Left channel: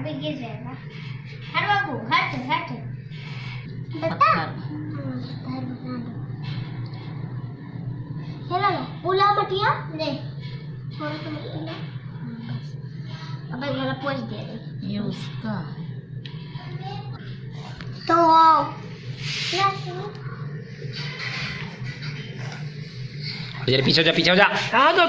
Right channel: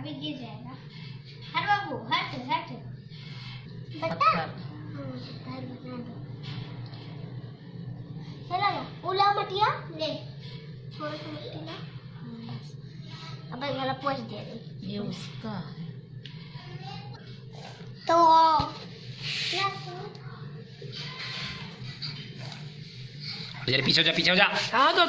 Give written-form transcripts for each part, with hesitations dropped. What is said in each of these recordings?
अभी गिर जाएगा। हट बाबू, हट हट। बता बना दो। चला ना उला मटिया ले थोड़ा सा मट्टी ला। बस अब मेरा पोछ दे दे। ये उसका तो जरा पीछे जा, पीछे जा। हाँ तो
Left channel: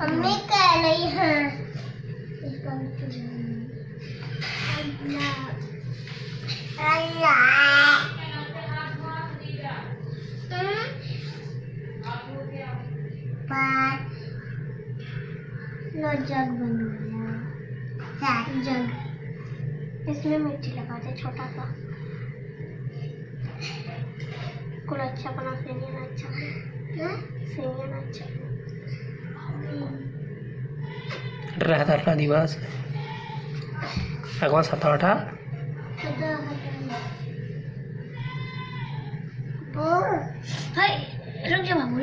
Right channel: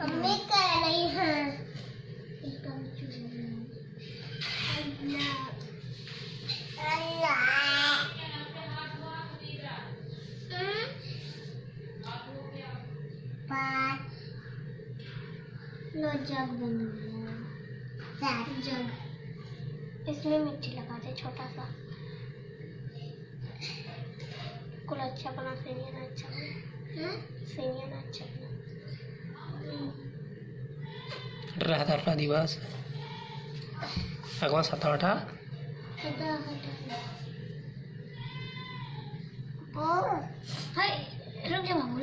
मम्मी कह रही है जग बनाया, जग इसमें मिट्टी लगा दे छोटा सा। कुल अच्छा बना, सेमिया ना अच्छा बना, सेमिया ना अच्छा बना। रहा दिवस अगवा सात आठ रुक जा बाबू,